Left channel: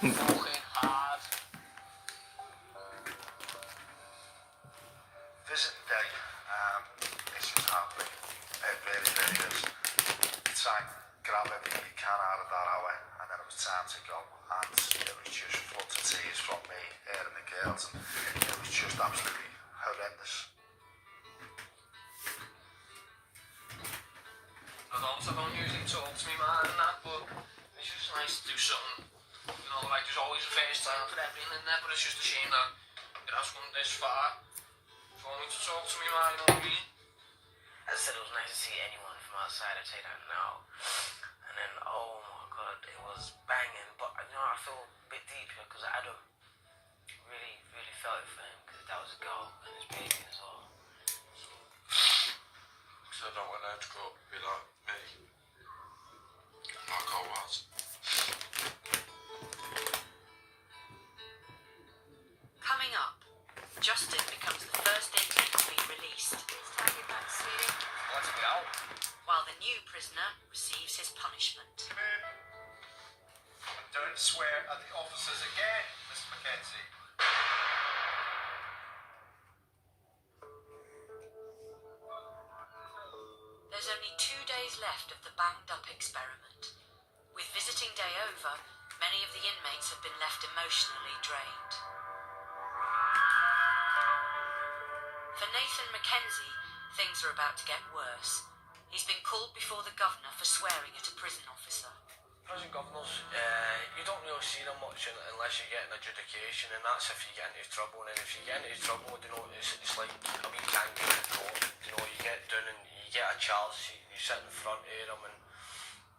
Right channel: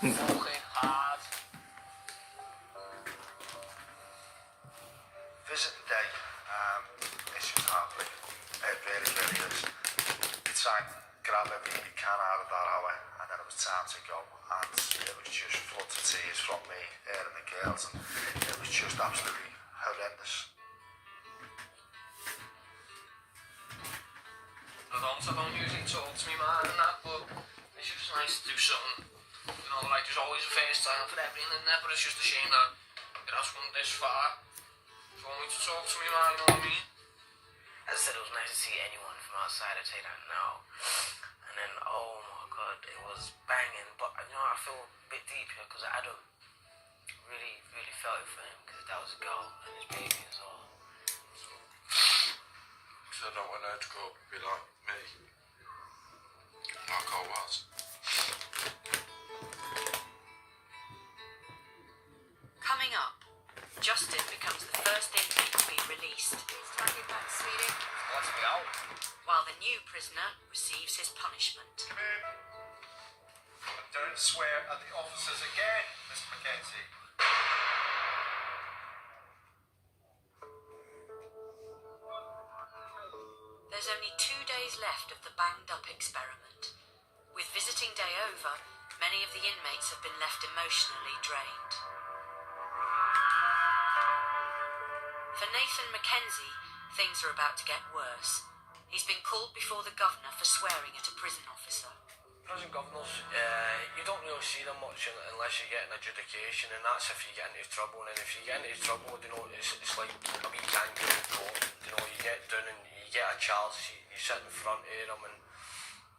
Fucking hard. Visiting day. It's just hardly. It really is. You try and grab everything you can out of that hour, and then it was time to go, and it was just floods of tears from me, her and the girls, and it was just absolutely horrendous. I don't usually talk to me man and that, but it's just nice to do something. You know, like there's always a first time for everything in there, but it's just a shame that it has come this far. For me to talk to me man, you know what I mean? I said it was nice to see anyone from outside, I tell you that now. And then, oh my god, it was banging. But, you know, I feel a bit deep here because I don't really felt it for him because that was a girl and his baby as well. Because I don't want her to grow up and be like me. Like I was. Coming up, Justin becomes the first inmate to be released, Let's be out. while the new prisoner receives his punishment. And don't swear at the officers again, Mr. Mackenzie. There's only 2 days left of the banged up experiment. With visiting day over, many of the inmates have been left emotionally drained. For Nathan Mackenzie, things are about to get worse. He's been called before the governor for swearing at a prison officer. Prison governors, you don't really see them much unless you get an adjudication, and that's if you get into trouble. And if you get into trouble, you know, it's like a wee kangaroo in court. You know, you get down and you get a charge sheet, you sit in front of them, and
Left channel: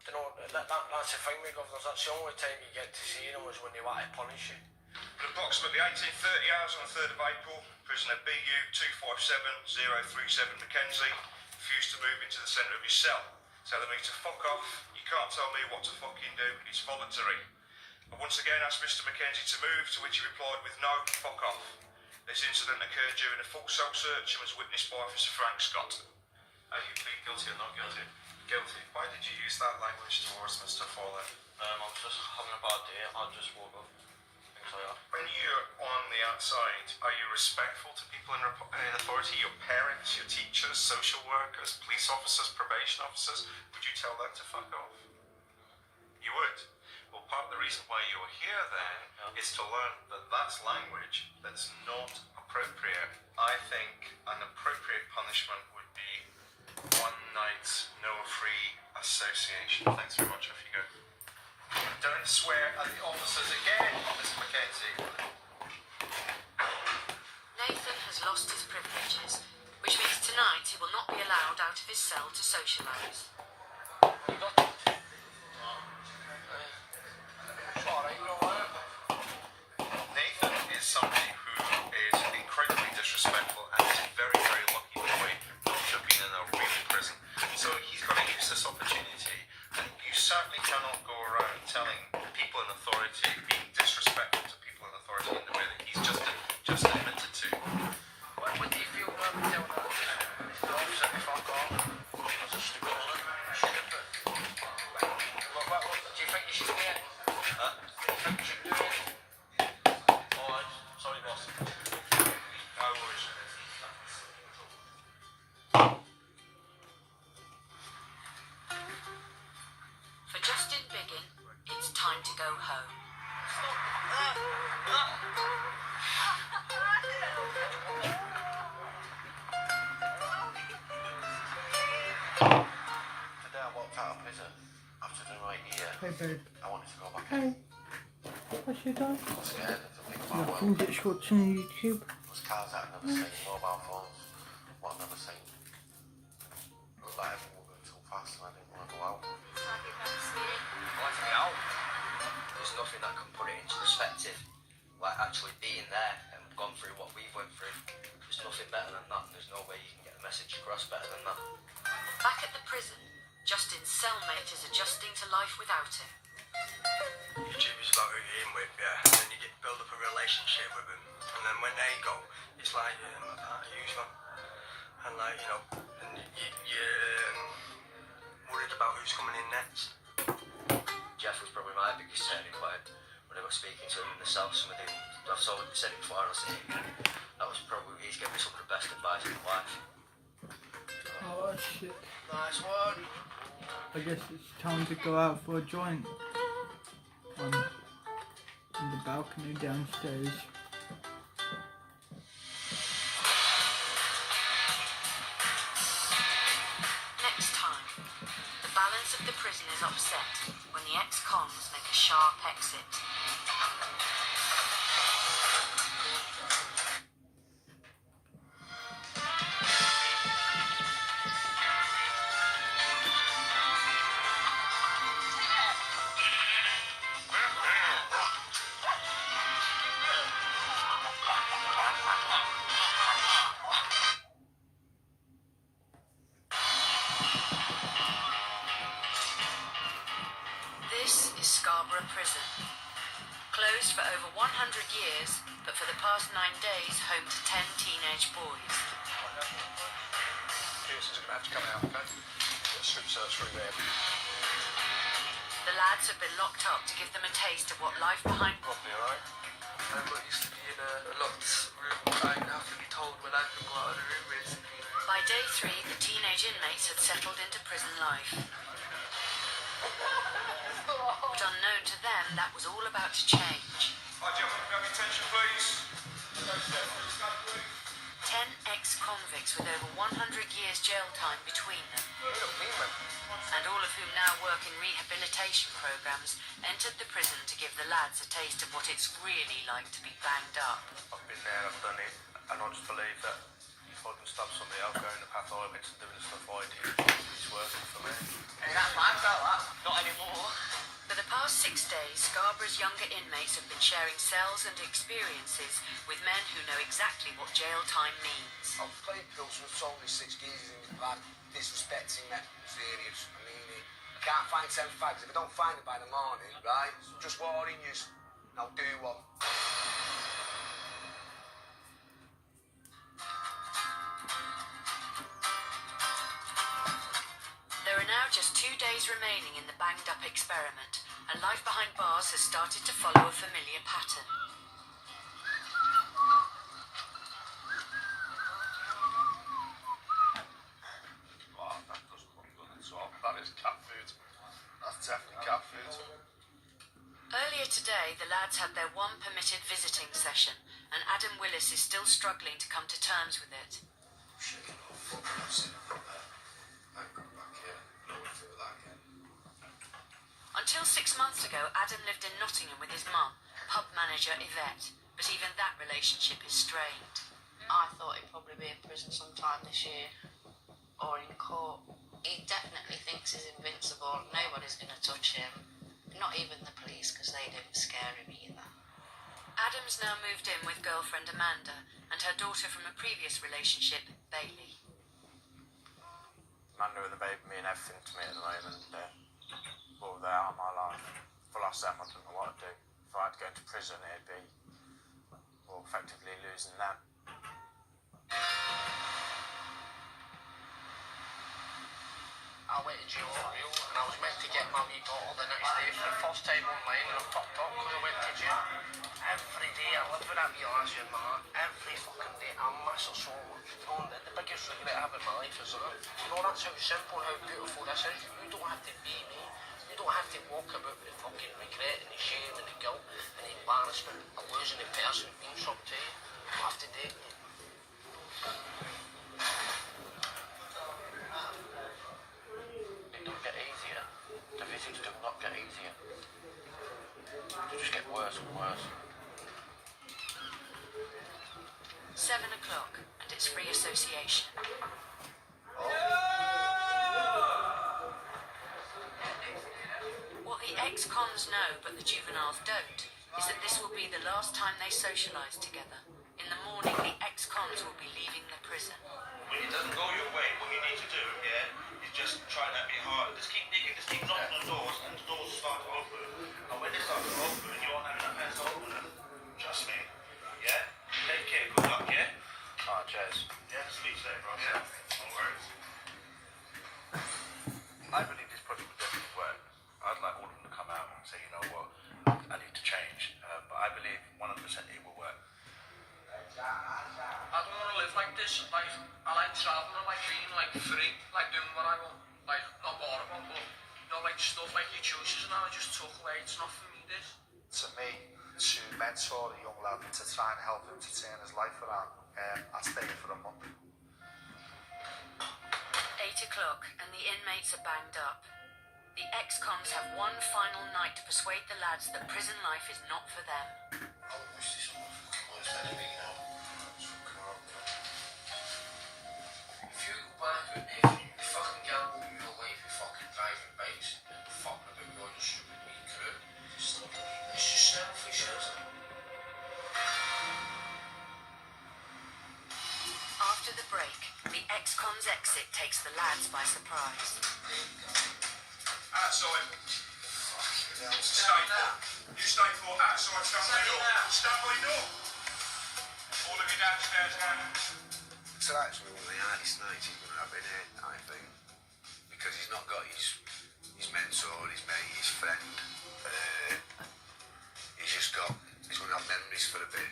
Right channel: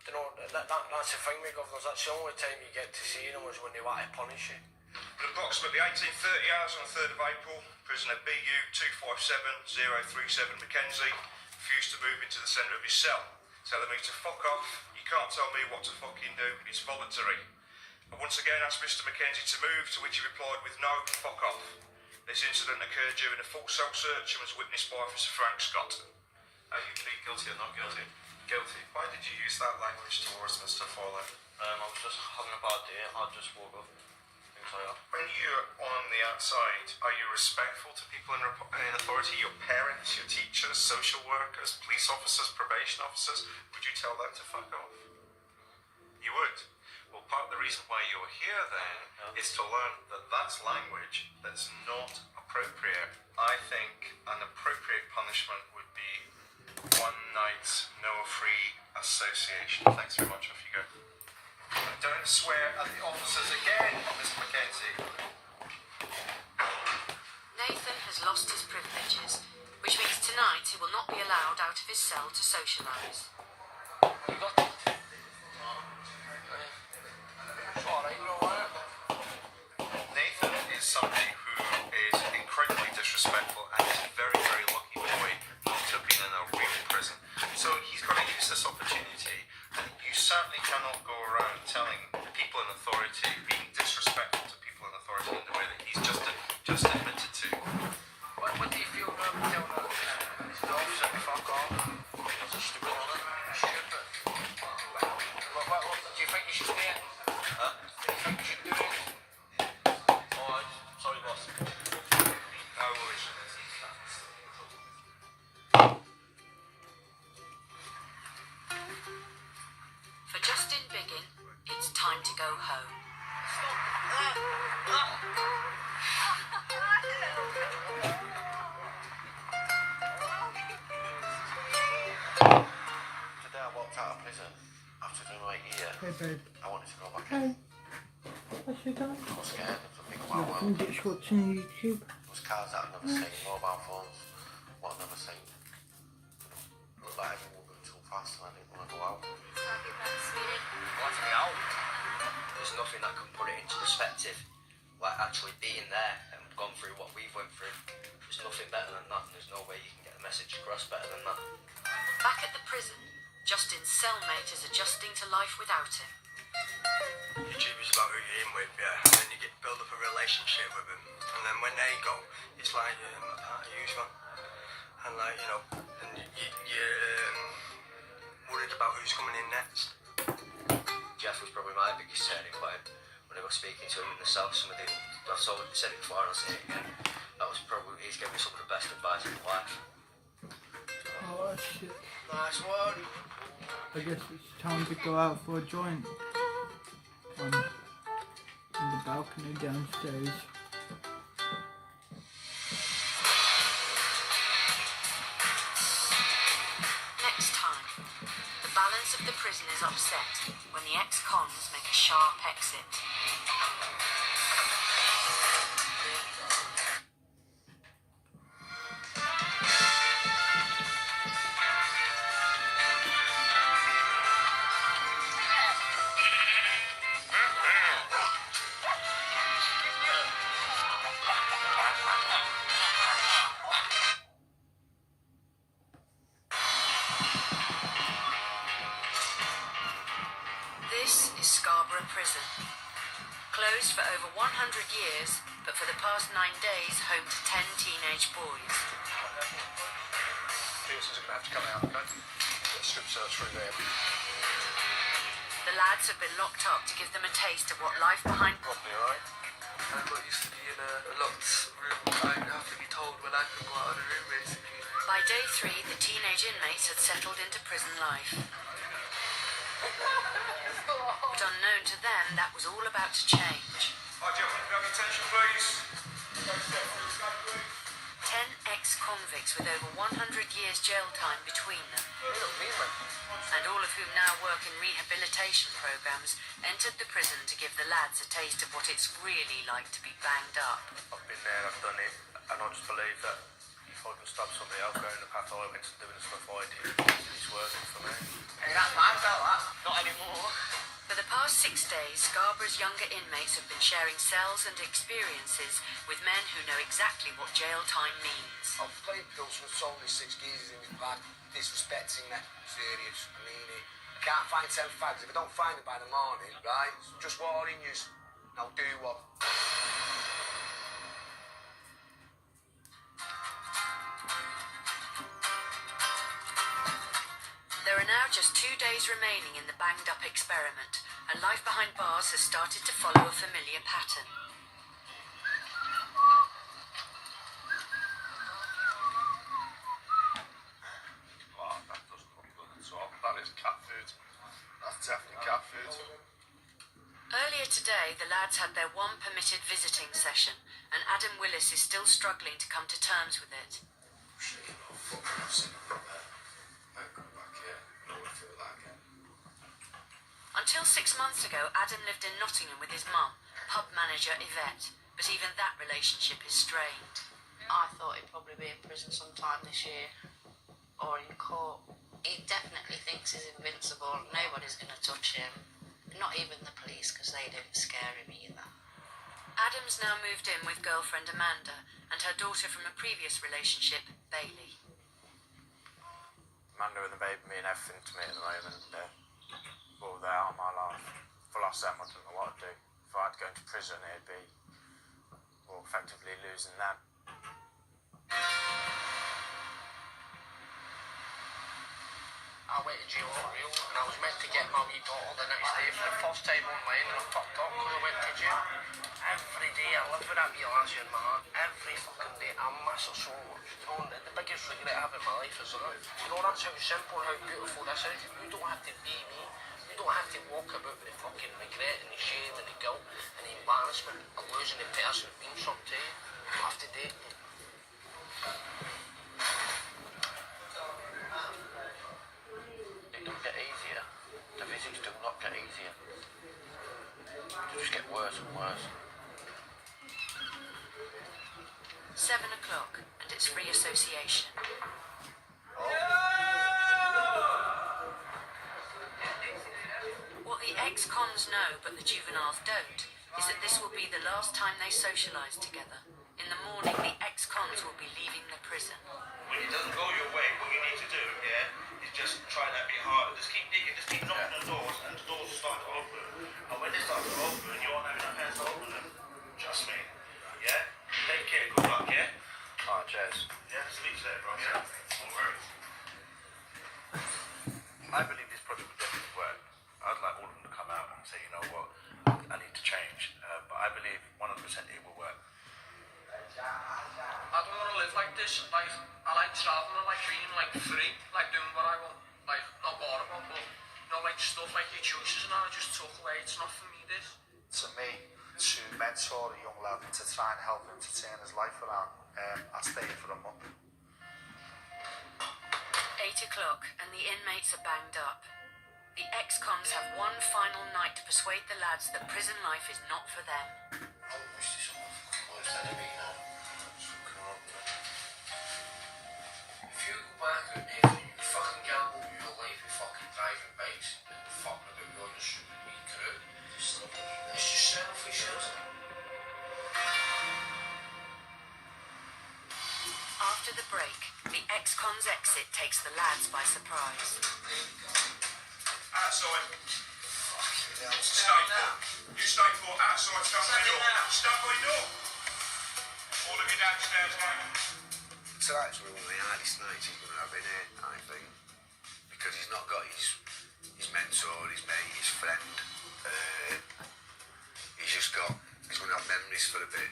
you know that's the thing with governors. That's the only time you get to see them is when they want to punish you. At approximately 18:30 hours on the 3rd of April, prisoner BU 257037 Mackenzie refused to move into the centre of his cell, telling me to fuck off. You can't tell me what to fucking do, it's voluntary. I once again asked Mr. Mackenzie to move, to which he replied with no, fuck off. This incident occurred during a full cell search and was witnessed by Officer Frank Scott. Are you plead guilty or not guilty? Guilty. Why did you use that language towards Mr. Follett? I was just having a bad day. I just woke up. Things like that. When you're on the outside, are you respectful to people in authority, your parents, your teachers, social workers, police officers, probation officers? Would you tell them to fuck off? You would? Well, part of the reason why you're here then is to learn that that's language that's not appropriate. I think an appropriate punishment would be 1 night's no-free association. Thanks very much. Off you go. And don't swear at the officers again, Mr. Mackenzie. Nathan has lost his privileges, which means tonight he will not be allowed out of his cell to socialise. Nathan is somebody who is incredibly disrespectful and is a very, very lucky boy not to have been in a real prison. So he's got to use this opportunity, and you certainly cannot go around telling people in authority, being disrespectful to people in authority in the way that he's just admitted to. What do you feel about me doing that? The officer, fuck off. That's a stupid one. Stupid. What do you think you should do it? Huh? Do you think you should do it? Alright, sorry boss. No worries. For Justin Biggin, it's time to go home. Today I walked out of prison after doing my year. Hey babe. I wanted to go back Hey. in. What's your dad? I was scared of the big wide Nothing, world. just watching YouTube. There was cars that I'd never seen, mobile phones, what I'd never seen. Looked like everyone was going too fast and I didn't want to go out. Want to be out? There's nothing that can put it into perspective, like actually being there and gone through what we've went through. There's nothing better than that, and there's no way you can get the message across better than that. Back at the prison, Justin's cellmate is adjusting to life without him. YouTube is about who you're in with, yeah, and then you get build up a relationship with them, and then when they go, it's like a part of usual, and like you know, and you're worried about who's coming in next. Jeff was probably my biggest turning point when I got was speaking to him in the cell, some of the, I've said it before and I'll say it again, that was probably, he's given me some of the best advice in my life. Oh shit. Nice one. I guess it's time to go out for a joint. On the balcony downstairs. Next time, the balance of the prison is upset when the ex-cons make a sharp exit. This is Scarborough Prison. Closed for over 100 years, but for the past 9 days home to 10 teenage boys. Pearson's going to have to come out, okay? Get a strip search through there. The lads have been locked up to give them a taste of what life behind... Probably alright. I got used to be in a locked room, like have to be told when I can go out of the room basically. By day 3, the teenage inmates had settled into prison life. But unknown to them, that was all about to change. Hi, gentlemen, can I have your attention, please? 10 ex-convicts with over 100 years jail time between them, and all of whom now work in rehabilitation programs, entered the prison to give the lads a taste of what it's really like to be banged up. I've been there, I've done it, and I just believe that if I can stop somebody else going the path I went to doing the stuff I did, it's working for me. Hey, that's my felt that. Not anymore. For the past 6 days, Scarborough's younger inmates have been sharing cells and experiences with men who know exactly what jail time means. I've played pills from so many 6 geezers in like disrespecting that serious. I mean it. I can't find 10 fags. If I don't find it by the morning, right? Just warning you. Now do one. There are now just 2 days remaining in the banged up experiment, and life behind bars has started to follow a familiar pattern. Wow, that doesn't look good at all. That is cat food. That's definitely cat food. Earlier today, the lads had their one permitted visiting session, and Adam Willis is still struggling to come to terms with it. Until 6 months ago, Adam lived in Nottingham with his mum, pub manager Yvette, but even that relationship is strained. I thought he'd probably be in prison sometime this year or in court. He definitely thinks he's invincible. Nobody's going to touch him. Not even the police, because they didn't scare him either. Adam's now moved in with girlfriend Amanda and her daughter from a previous relationship, Bailey. Amanda and the baby mean everything to me at the moment. Well, they are my life. If I lost them, I don't know what I'd do. If I had to go into prison, it'd be, well, effectively losing them. I went to jail for real, and I was meant to get my wee daughter the next day for the first time online, and I fucked up because I went to jail. Every day I live with that wee lassie in my heart. Every fucking day I miss her so much. You know, and the biggest regret I have in my life is that. You know, that's how simple and how beautiful this is. You don't have to be me. You don't have to walk about with the fucking regret and the shame and the guilt and the embarrassment of losing the person who means something to you. You don't have to date me. It don't get easier. The visits do not get easier. They just get worse and worse. 7 o'clock, and it's free association. What the ex-cons know, but the juveniles don't, is that this will be the last time they socialise together. In the morning, the ex-cons will be leaving the prison. When it doesn't go your way, what you need to do, yeah, is just try that bit harder. Just keep digging, just keep knocking on doors, and the doors will start to open. And when they start to open, you won't have enough hands to open them. Trust me. Yeah? Take care, good luck, yeah? Alright, cheers. Yeah, speak to that, bro, yeah? No worries. I believe this project would definitely work. I'd like all of them to come out and say, you know what, I need to change. this, like, I like travelling, like being like free, like doing what I want, like not what I want, but you know, like stuff like your choices and I just took away. It's not for me, this. To me, to mentor a young lad to try and help him to turn his life around, I'd stay here for a month. 8 o'clock and the inmates are banged up. The ex-cons have one final night to persuade the lads that prison life is not for them. If you go back out there and you fucking gamble with your life, you fucking driving bikes, and fucking about going to shoot with me crew, it's just selfish, isn't it? After the break, the ex-cons exit takes the lads by surprise. Outside. Stay put. You stay put outside, stand by door. Stand by door. All of you downstairs now. So actually one of the hardest nights he's going to have in here, I think. Because he's not got his mentor, his mate, his friend. He's going to have memories for a bit.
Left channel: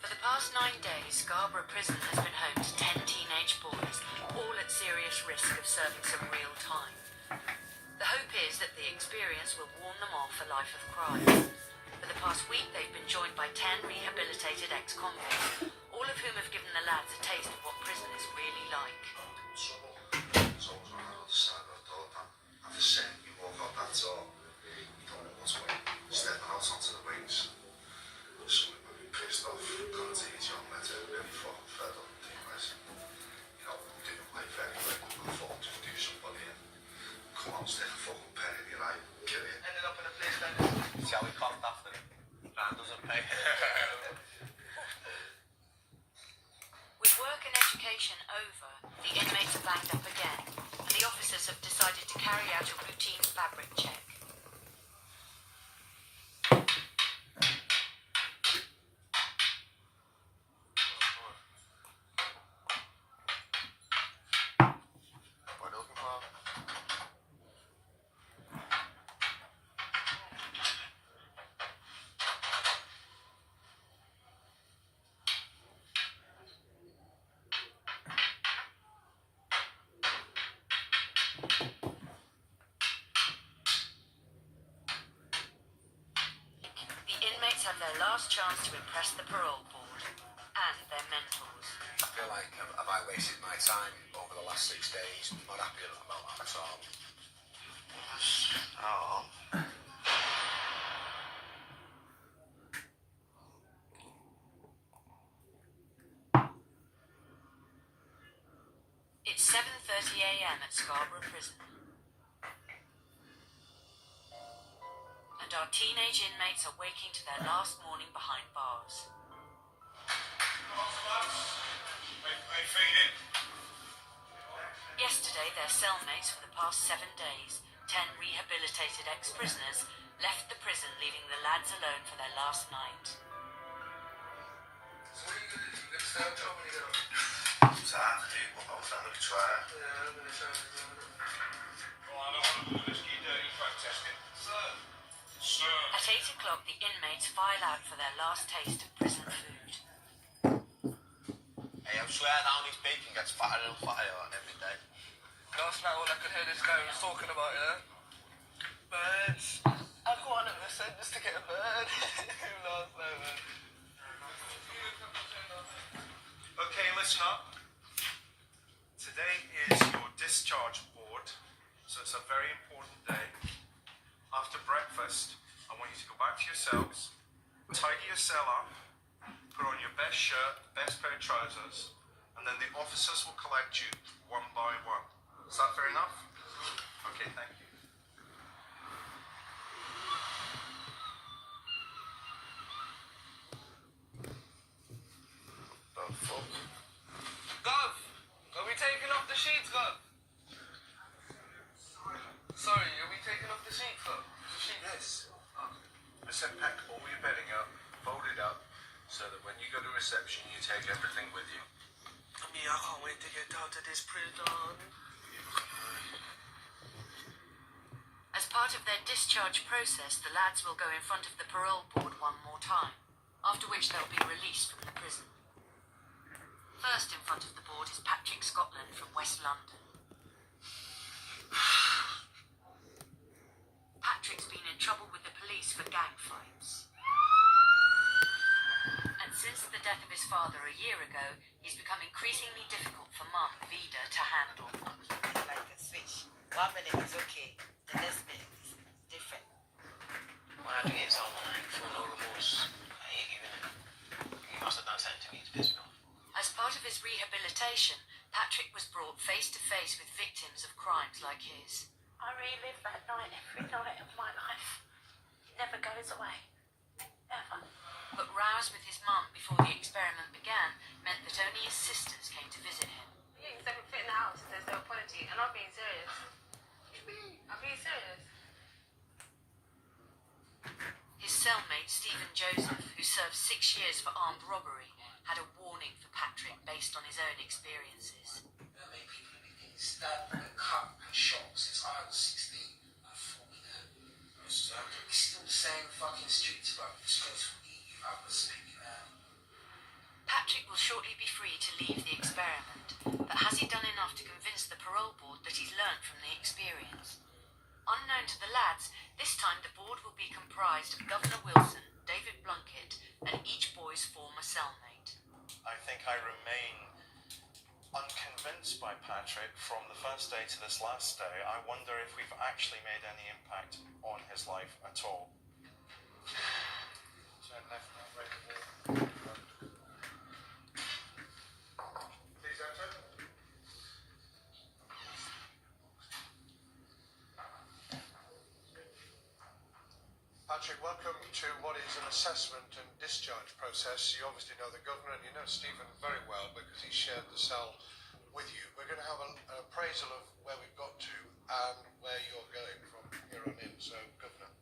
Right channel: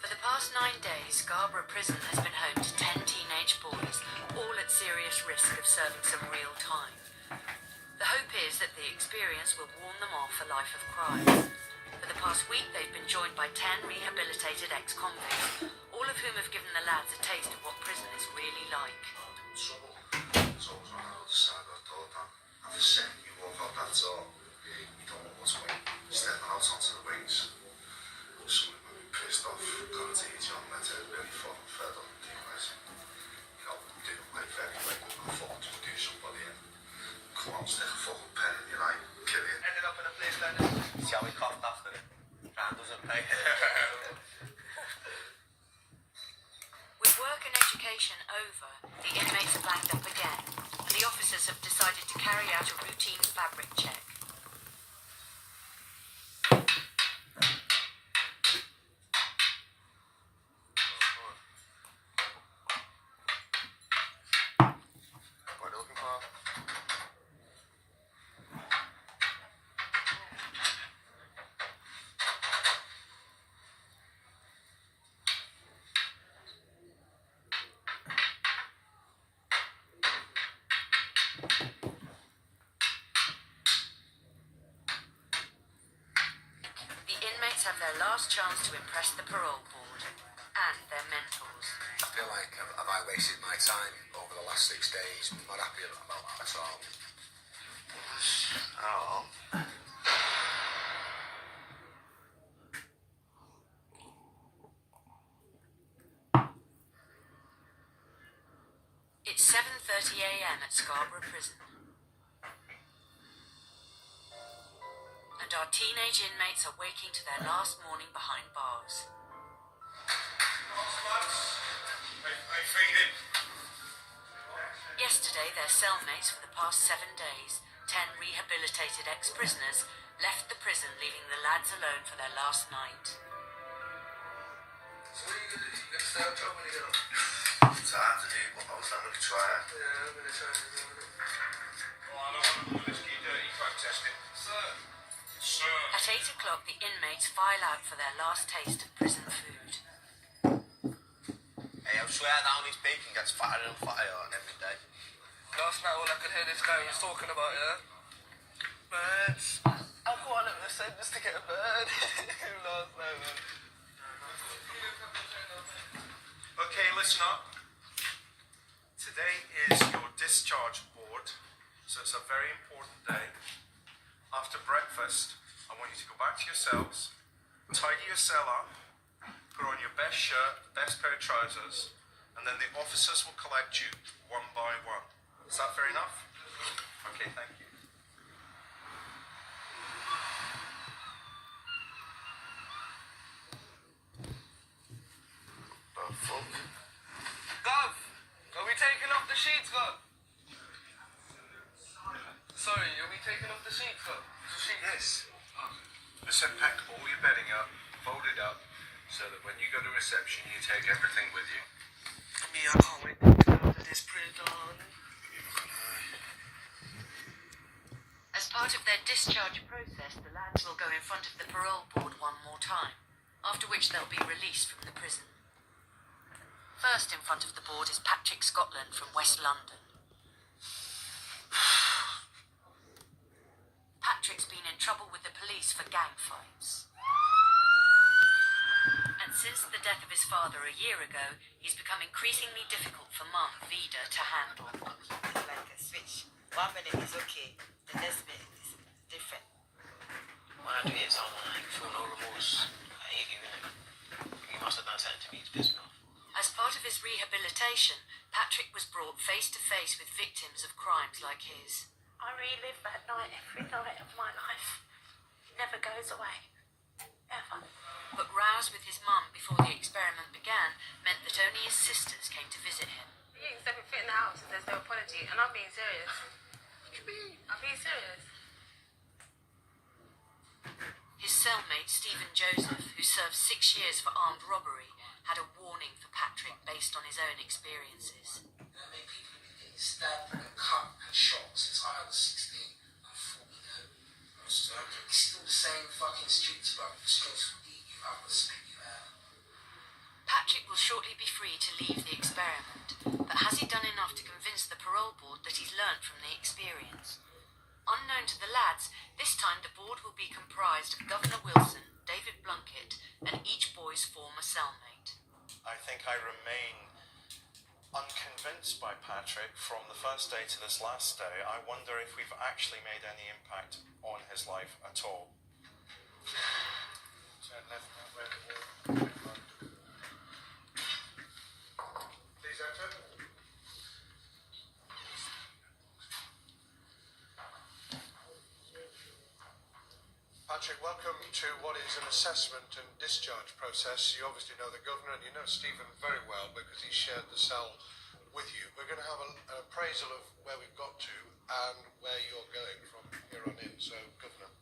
For the past 9 days, Scarborough Prison has been home to 10 teenage boys, all at serious risk of serving some real time. The hope is that the experience will warn them off a life of crime. For the past week, they've been joined by 10 rehabilitated ex-convicts, all of whom have given the lads a taste of what prison is really like. There's always one on the other side of the door, man. And the second you walk out that door, you don't know what's waiting. Stepping out onto the wings. Someone might be pissed off, can't take it on, let it really fucking fed up and realising, you know, they don't like very well, I thought to do somebody in. Come on, stick a fucking pen in your eye, kill it. Ended up in a place then. See how he coughed after it? That doesn't pay. With work and education over, the inmates are banged up again. The officers have decided to carry out a routine fabric check. The inmates have their last chance to impress the parole board and their mentors. I feel like have I wasted my time over the last 6 days? I'm not happy about that at all. Oh. It's 7:30 a.m. at Scarborough Prison. And our teenage inmates are waking to their last morning behind bars. They feeding. Yesterday, their cellmates for the past 7 days, 10 rehabilitated ex-prisoners, left the prison, leaving the lads alone for their last night. So what are you going to do? You going to stay up till when you get up? It's hard to do, but I was going to try. Yeah, I'm going to try and do it. Oh, I don't want to do this key dirty phone testing. Sir. At 8 o'clock, the inmates file out for their last taste of prison food. Hey, I swear down his bacon gets fatter and fatter every day. Last night all I could hear this guy was talking about, birds. I've got him to send just to get a bird. Last night, man. Okay, listen up. Today is your discharge board, so it's a very important day. After breakfast, I want you to go back to your cells, tidy your cell up, put on your best shirt, best pair of trousers, and then the officers will collect you one by one. Is that fair enough? Okay, thank you. The fuck? Gov, are we taking off the sheets, Gov? Sorry, are we taking off the sheets, Gov? Yes. Listen, pack all your bedding up, fold it up, so that when you go to reception, you take everything with you. Me, I can't wait to get out of this prison. part of their discharge process, the lads will go in front of the parole board one more time, after which they'll be released from the prison. First in front of the board is Patrick Scotland from West London. Patrick's been in trouble with the police for gang fights. And since the death of his father a year ago, he's become increasingly difficult for Mum, Vida, to handle. Like a switch. 1 minute is okay, the next minute is different. When I do hit someone, I feel no remorse. I hate you. You must have done something to me to piss me off. As part of his rehabilitation, Patrick was brought face to face with victims of crimes like his. I relive that night every night of my life. It never goes away. Ever. But rows with his mum before the experiment began meant that only his sisters came to visit him. You accept everything in the house and there's no apology, and I'm being serious. I'm being serious. His cellmate, Stephen Joseph, who served 6 years for armed robbery, had a warning for Patrick based on his own experiences. How many people have been getting stabbed and cut and shot since I was 16? I thought, it's still the same fucking streets, bro. Streets will eat you up and spit you out. Patrick will shortly be free to leave the experiment, but has he done enough to convince the parole board that he's learned from the experience? Unknown to the lads, this time the board will be comprised of Governor Wilson, David Blunkett, and each boy's former cellmate. I think I remain unconvinced by Patrick from the first day to this last day. I wonder if we've actually made any impact on his life at all. Please enter. Patrick, welcome to what is an assessment and discharge process. You obviously know the governor and you know Stephen very well because he shared the cell with you. We're going to have an appraisal of where we've got to and where you're going from here on in. So, Governor.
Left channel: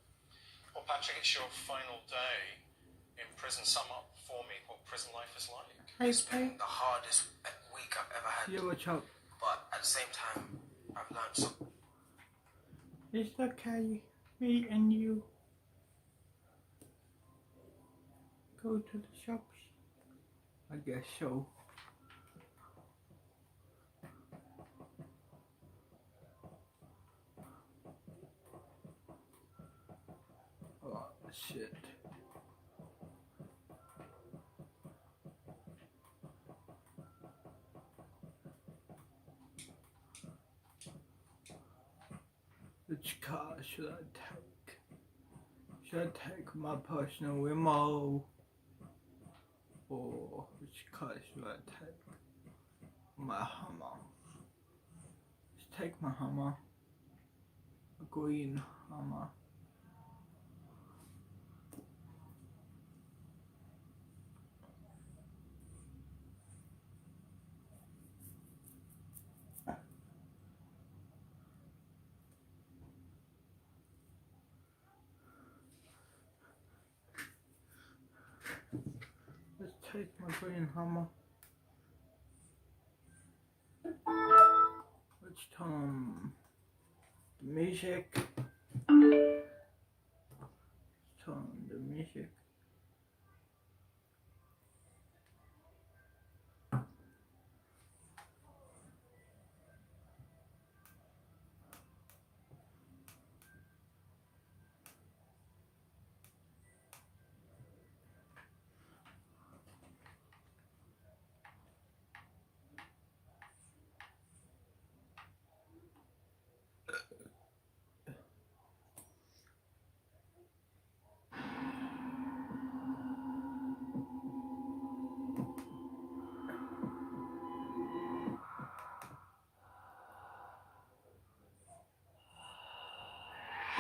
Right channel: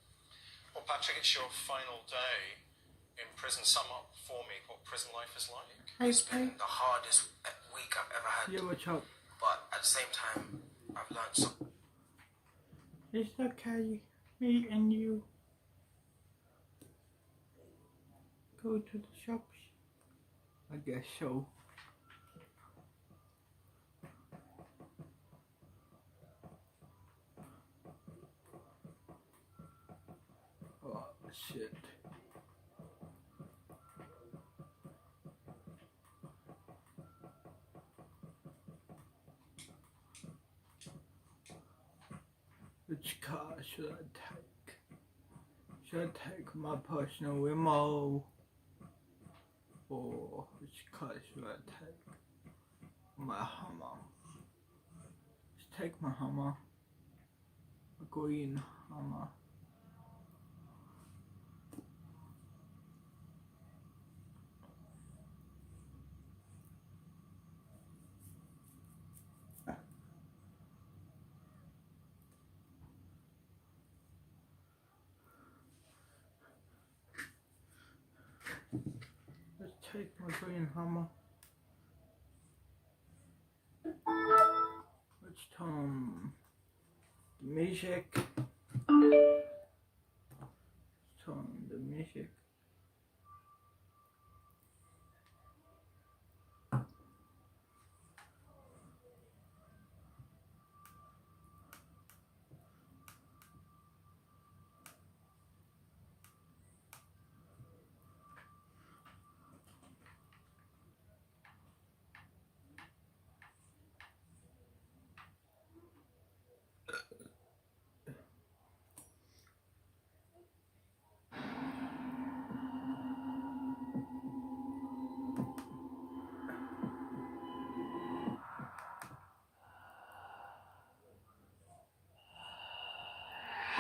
Well, Patrick, it's your final day in prison. Sum up for me what prison life is like. Hey, It's been the hardest week I've ever had. yeah, watch out. But at the same time, I've learned something. It's okay. Me and you go to the shops. I guess so. Oh shit. Which car should I take? Should I take my personal limo? Or which car should I take? My Hummer. Let's take my Hummer. A green Hummer. Let's take my green Hummer. Let's turn the music. Let's turn the music.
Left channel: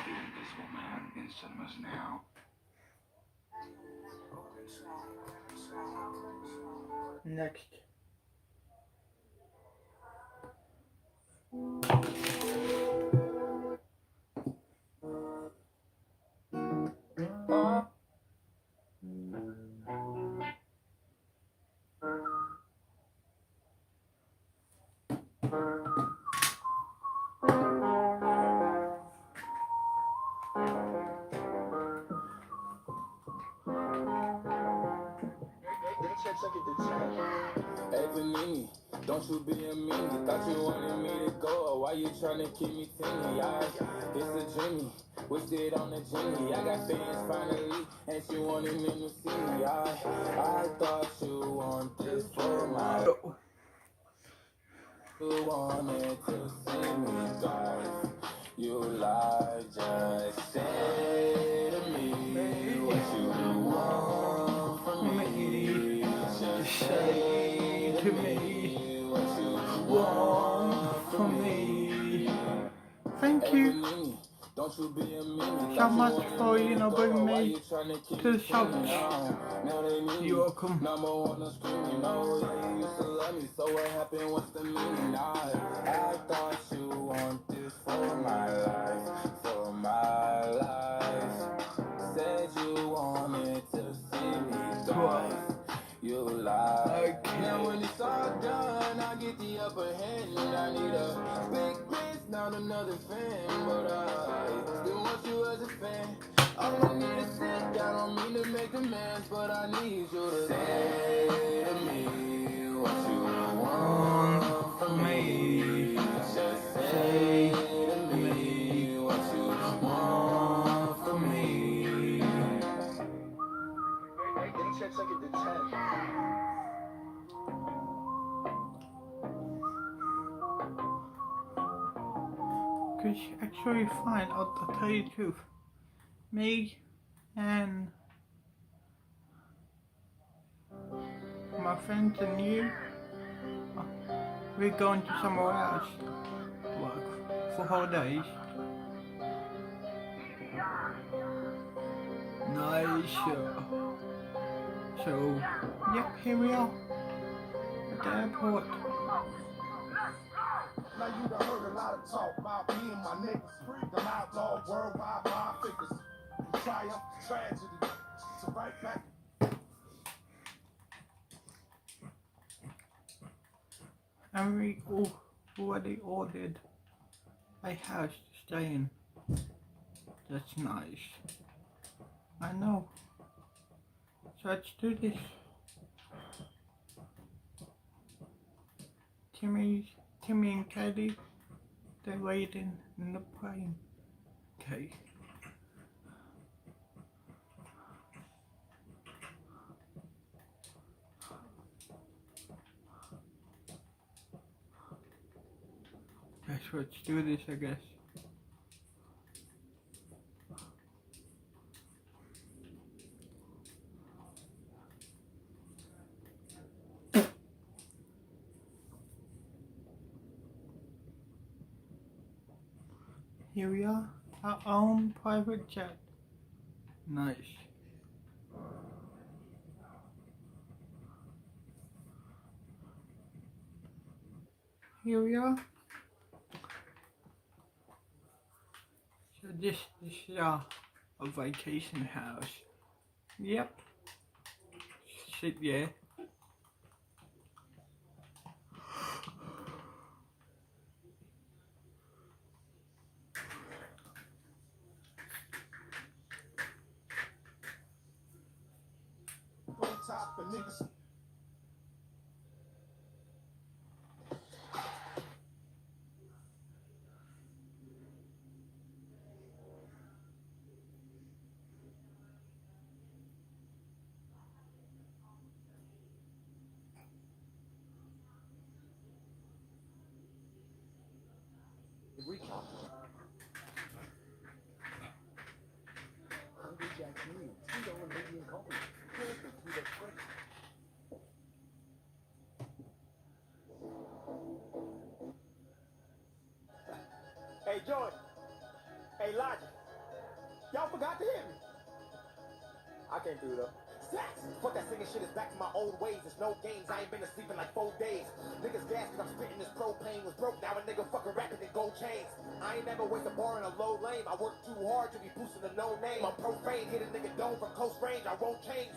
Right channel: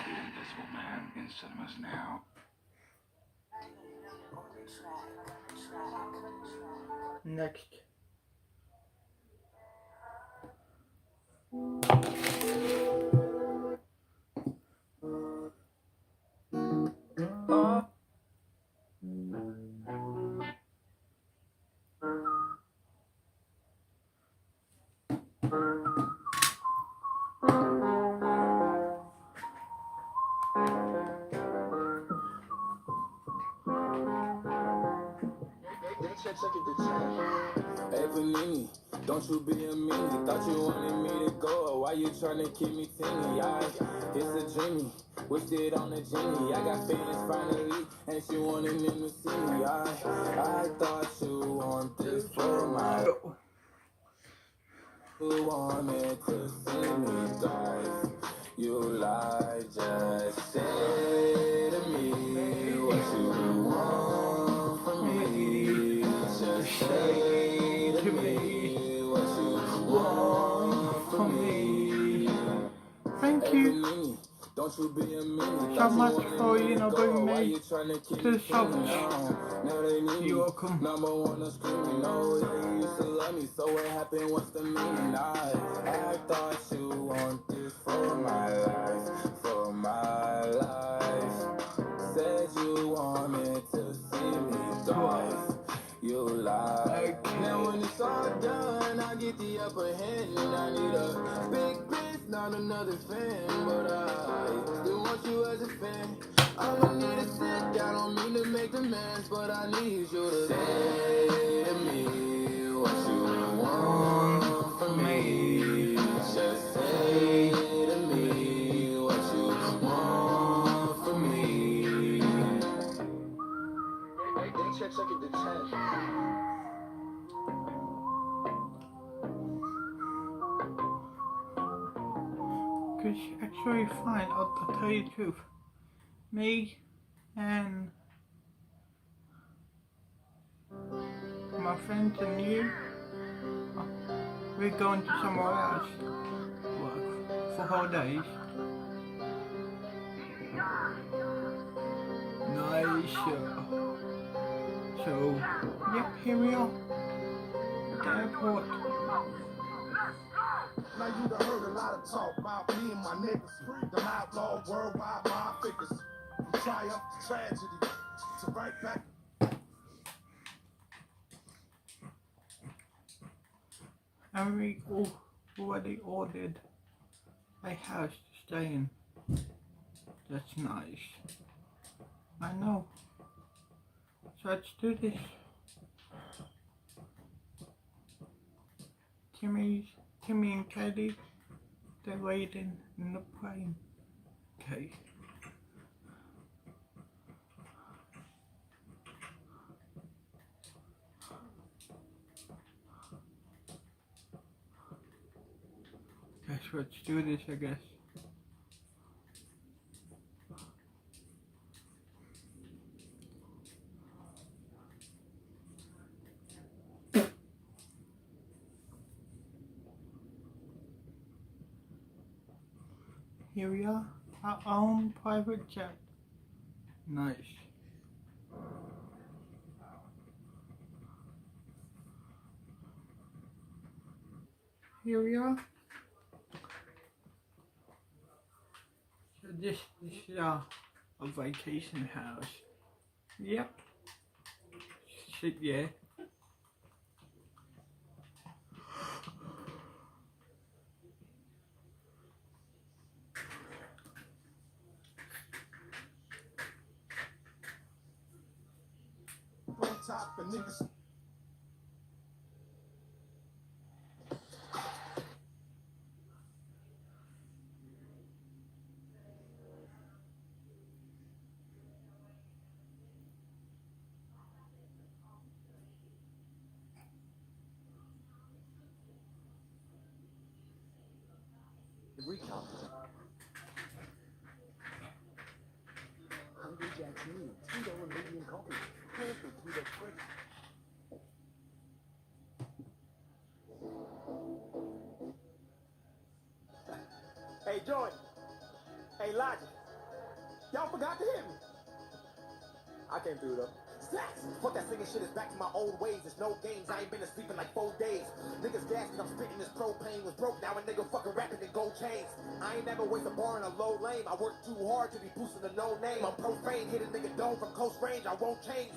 The Invisible Man in cinemas now. Next. Hey Panini, don't you be a meanie. Thought you wanted me to go, or why you tryna keep me teeny? It's a dreamy, wished it on a genie. I got fans finally, and she wanted them to see me. I thought you wanted for my. You wanted to see me die. You lied, just say to me what you want from me. Just say to me what you want from me. Thank you Don't you be a meanie. so much for, bringing me to the shops. You're welcome. Number one on screaming, no, yeah, you used to love me, so what happened, what's the meaning? I thought you want this for my life, said you wanted to see me thrive, you lied. Now when it's all done, I get the upper hand, and I need a big bitch, not another fan, but I still want you as a fan. I don't need to sit down, don't mean to make demands, but I need you to say to me what you want from me. Just say to me what you want from me. Hey, can you check second to 10? It's actually fine, I'll tell you the truth. Me and my friends and you, we're going to somewhere else work for holidays. Nice. So, yeah, here we are at the airport. Now you done heard a lot of talk about me and my niggas. Them outlaw worldwide mob figures. From triumph to tragedy to right back. And we already ordered a house to stay in. That's nice. I know. So let's do this. Timmy and Katie, they're waiting in the plane. Okay. Let's do this, I guess. Here we are, our own private jet. Nice. Here we are. So this is a vacation house. Yep. Sit yeah. Top for niggas. The recount. Hungry Jack's Minion, $2 medium coffee. Perfect with a quick. Hey, Jordan. Hey, Logic. Y'all forgot to hit me. I came through, though. Fuck that singing shit is back to my old ways. There's no games. I ain't been asleep in like 4 days. Niggas gas cause I'm spitting this propane. Was broke, now a nigga fucking rapping in gold chains. I ain't never waste a bar in a low lane. I work too hard to be boosting a no name. I'm profane, hit a nigga dome from close range. I won't change.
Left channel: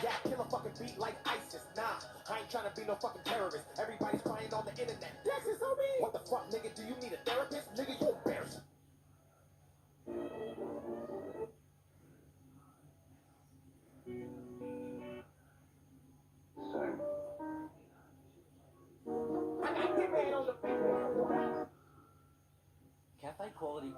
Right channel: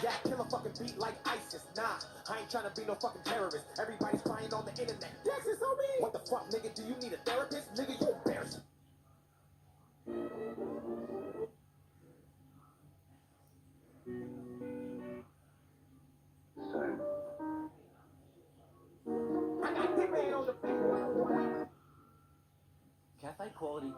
Yeah, kill a fucking beat like ISIS. Nah, I ain't tryna be no fucking terrorist. Everybody's crying on the internet. Yes, it's on me. What the fuck, nigga? Do you need a therapist? Nigga, you embarrassing. high quality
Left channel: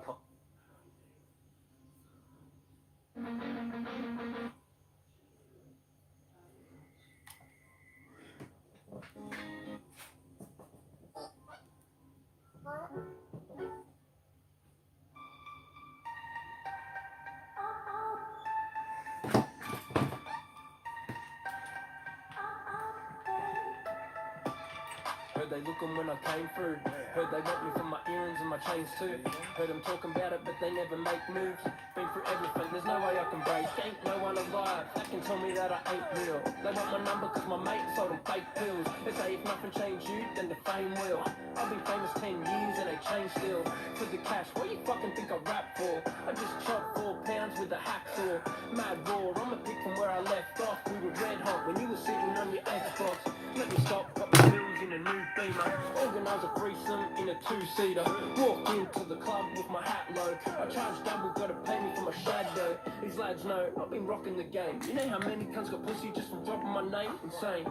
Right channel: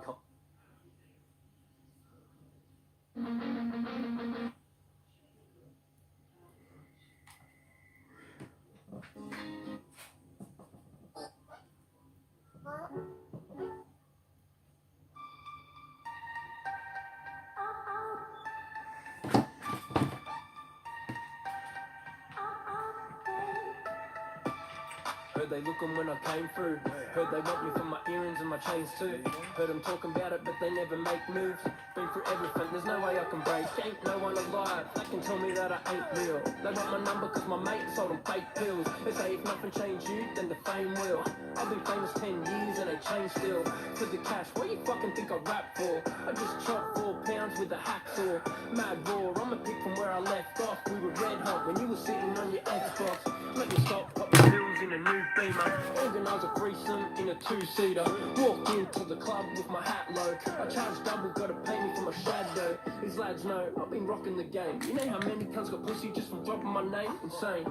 Heard they looking when I came through. Heard they want me for my earrings and my chains too. Heard them talking about it, but they never make moves. Been through everything, there's no way I can break. Ain't no one alive that can tell me that I ain't real. They want my number cause my mate sold them fake pills. They say if nothing changed you, then the fame will. I've been famous 10 years and they change still. For the cash, what you fucking think I rap for? I just chopped 4 pounds with a hacksaw. Mad raw, I'm a pick from where I left off. We were red hot when you were sitting on your Xbox. Let me stop, pop the pills in a new Beamer. Organise a threesome in a 2-seater. Walked into the club with my hat low. I charge double, gotta pay me for my shadow. These lads know I've been rocking the game. You know how many cunts got pussy just from dropping my name? Insane.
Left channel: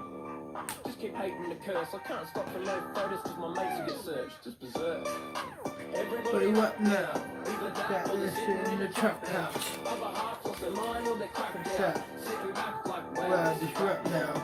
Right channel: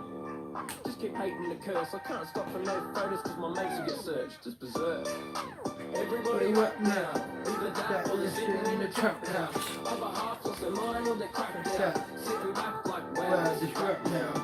Just keep hating the curse. I can't stop for no photos cause my mates will get searched. Just berserk. Everybody what now? Either that or they're sitting in the trap house. Other half lost their mind or they're cracking down. Sitting back like wow, this rap now.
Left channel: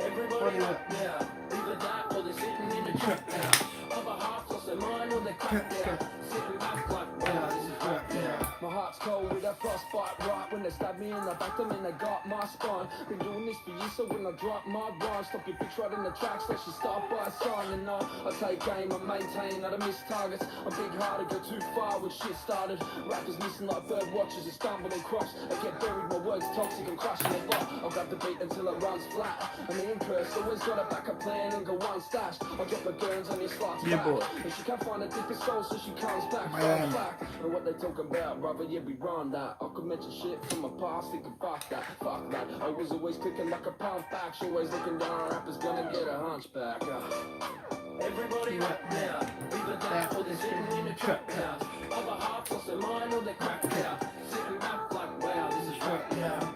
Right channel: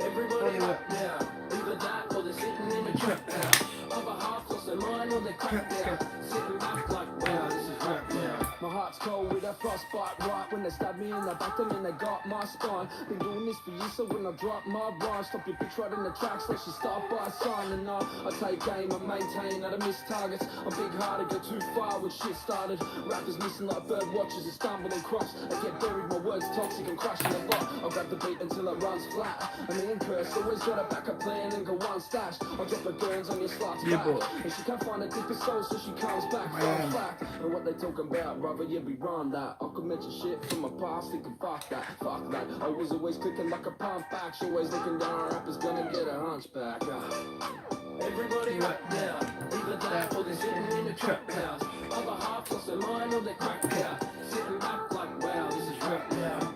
Everybody up now. Either that or they're sitting in the trap house. Other half lost their mind or they're cracking down. Sitting back like wow, this is rap now. My heart's cold with a frostbite right when they stab me in the back, then they got my spine. Been doing this for years, so when I drop my rhyme, stop your bitch right in the tracks, let you start by a sign. And I take aim, I maintain that I miss targets. I'm big hearted, go too far when shit started. Rappers listen like bird watchers, you stumble and cross. I get buried, my words toxic and crushing the bar. I'll grab the beat until it runs flat. And the curse always got a backup plan and go one stash. I'll drop her guns on your slot's back. And she can't find a deeper soul, so she comes back. Fact. And what they talking about, brother, yeah, we run that. I could mention shit from my past, thinking fuck that. I was always cooking like a pump back. She always looking down on rappers, gonna get a hunchback. Everybody right now, either that or they're sitting in a trap house. Other half lost their mind or they cracked out. Sitting back like wow, this is rap now.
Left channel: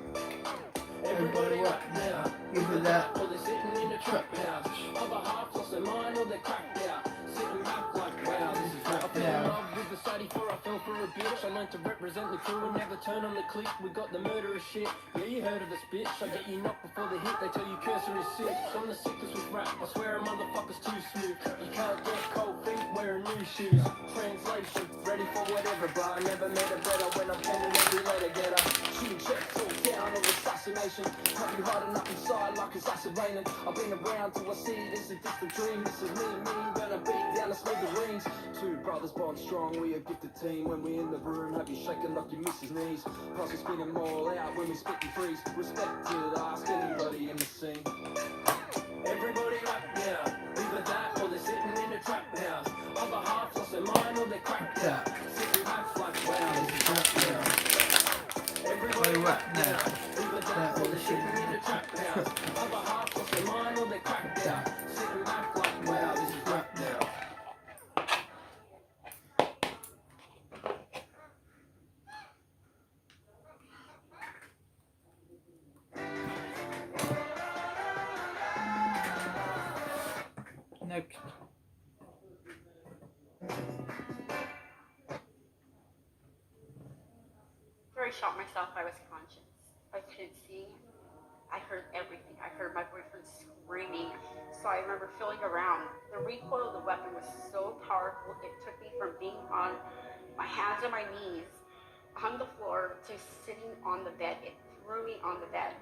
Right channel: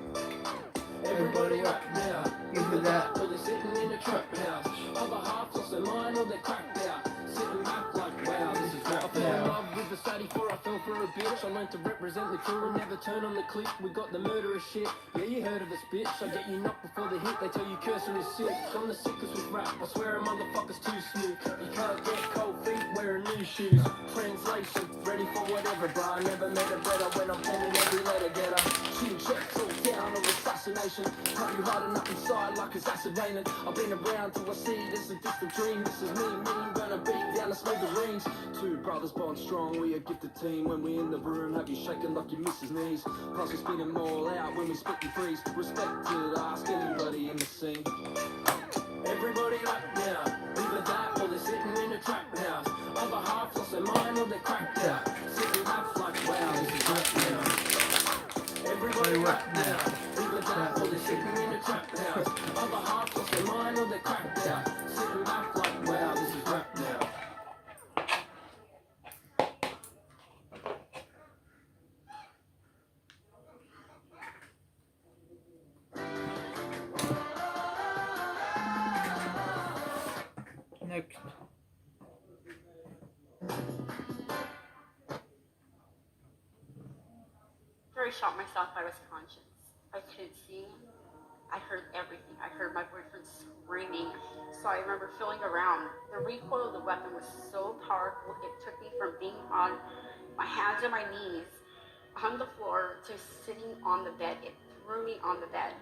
Everybody right now, either that or they're sitting in a trap house. Other half lost their mind or they cracked out. Sitting back like wow, this is rap now. I fell in love with the Sadie before I fell for a bitch. I learned to represent the crew and never turn on the click. We got the murderous shit. Yeah, you heard of us, bitch. I get you knocked before the hit. They tell you cursing is sick. I'm the sickest with rap. I swear a motherfucker's too smooth. You can't get cold feet wearing new shoes. Translation, ready for whatever, but I never made a better when I'm penning every letter getter. Shooting checks all down of assassination. Can't be hiding up inside like it's acid raining. I've been around till I see this a distant dream. This is me, gonna beat down the smithereens. Two brothers born strong, we a gifted team. When we in the room, have you shaking like your missus' knees. Plus we spin them all out when we spit and freeze. Respected, ask anybody in the scene. Everybody up now, either that or they're sitting in a trap house. Other half lost their mind or they cracked out. Sitting back like wow, this is rap now. Everybody up now, either that or they're sitting in a trap house. Other half lost their mind or they cracked out. Sitting back like wow, this is rap now. Next. Very shot myself, I was conscious. I couldn't see. I heard everything. I heard my boyfriend screaming. So I remember feeling around. The recoil of the weapon was so powerful, it took me from being on my hands and my knees on the floor to sitting on the bed. It threw me on the bed.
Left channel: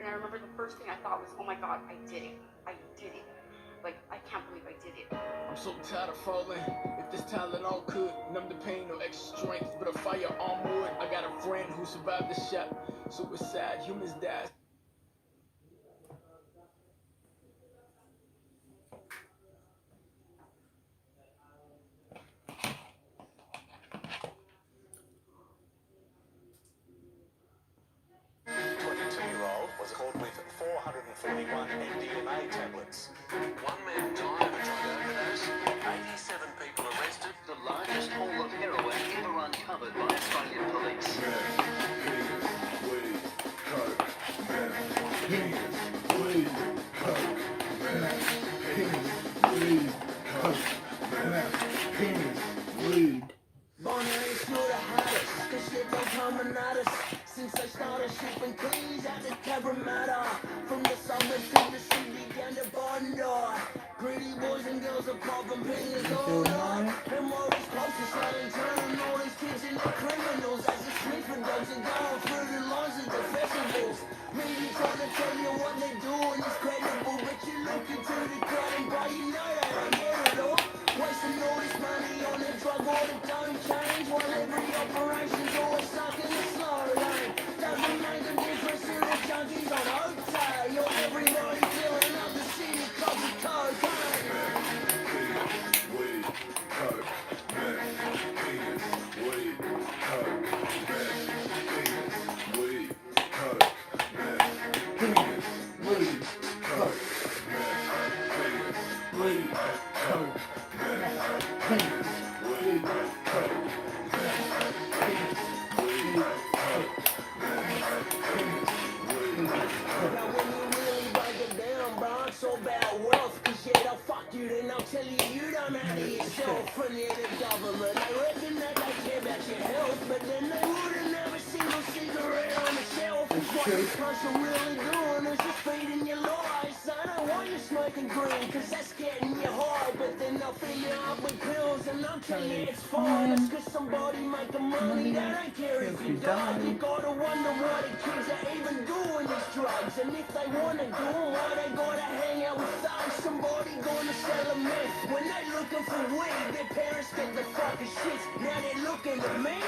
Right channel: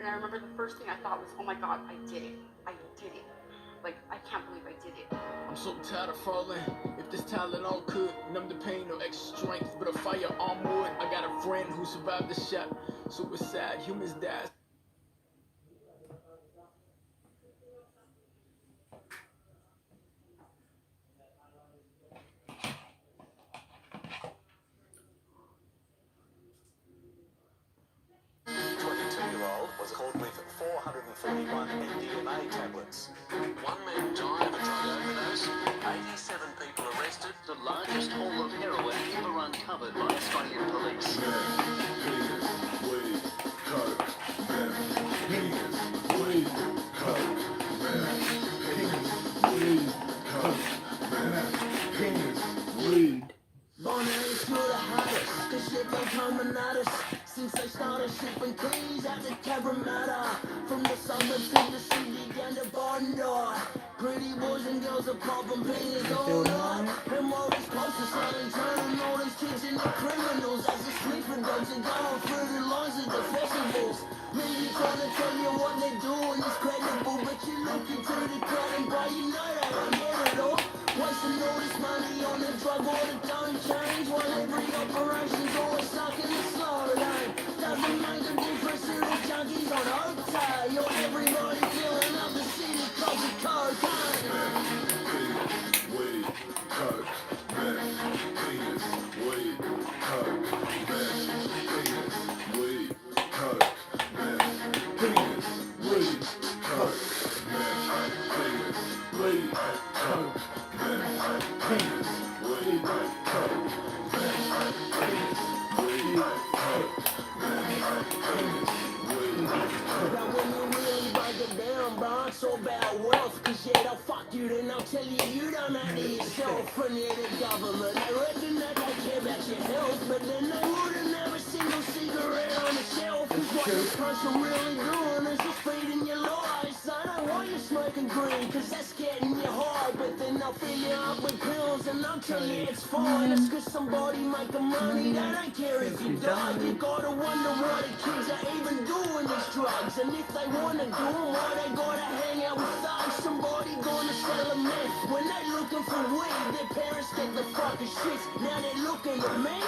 And I remember the first thing I thought was, oh my God, I did it. I did it. Like, I can't believe I did it. I'm so tired of falling. If this talent all could numb the pain or extra strength, but a firearm would. I got a friend who survived the shot. Suicide, humans die. Was caught with 441 MDMA tablets. One man died of a drug overdose. 87 people arrested. The largest haul of heroin ever uncovered by Australian police. Weed, coke, meth, penis, weed, coke, meth, penis, weed, coke, meth, penis, weed. wonder. Pretty boys and girls are popping pills all night. And Maurice Close is selling, turning all these kids into criminals. As the sniffer dogs are going through the lines of the festivals. Media trying to tell you what they're doing is credible, but you look into the crowd and bro, you know they don't get it all. Wasting all this money on a drug or it don't change, while every operation's always stuck in the slow lane. Doesn't make a difference to the junkies on OTA, or everybody filling up the city cause of cocaine. Weed, coke, meth, penis, weed, coke, meth, penis, weed, coke, meth, penis, weed, coke, meth, penis, weed, coke, meth, penis, weed, coke, meth, penis, weed, coke, meth, penis, weed, coke. Now when you really break it down, bro, it's all about wealth. Cause yeah, they'll fuck you, then they'll tell you you don't have it yourself. And yeah, the government, they reckon that they care about your health, but then they wouldn't have a single cigarette on the shelf. Cause what this country really doing is just feeding your lies. I know why you're smoking green, cause that's getting you high, but then they'll fill you up with pills and they'll tell you it's fine. It's cause somebody making money, they don't care if you die. You gotta wonder why the kids are even doing these drugs, and if they wanna do them, why they gotta hang out with thugs. Somebody gonna sell a meth when they looking for weed. Their parents get the fucking shit, now they're looking at me.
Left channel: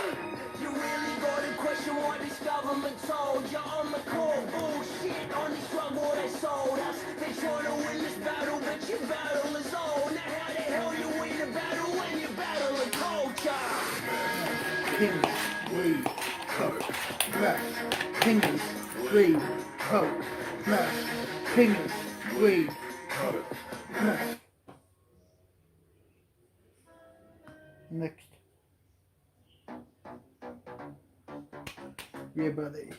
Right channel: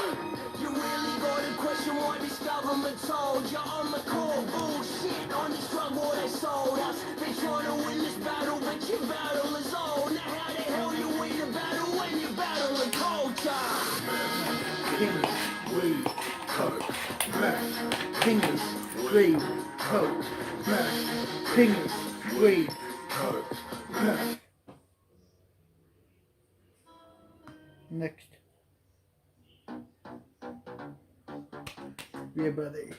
You really gotta question what this government told you on the core bullshit on this drug war they sold us. They're trying to win this battle, but your battle is old. Now how the hell you win a battle when you're battling culture? Penis, weed, coke, meth, penis, weed, coke, meth, penis, weed, coke, meth. Next. Yeah, buddy.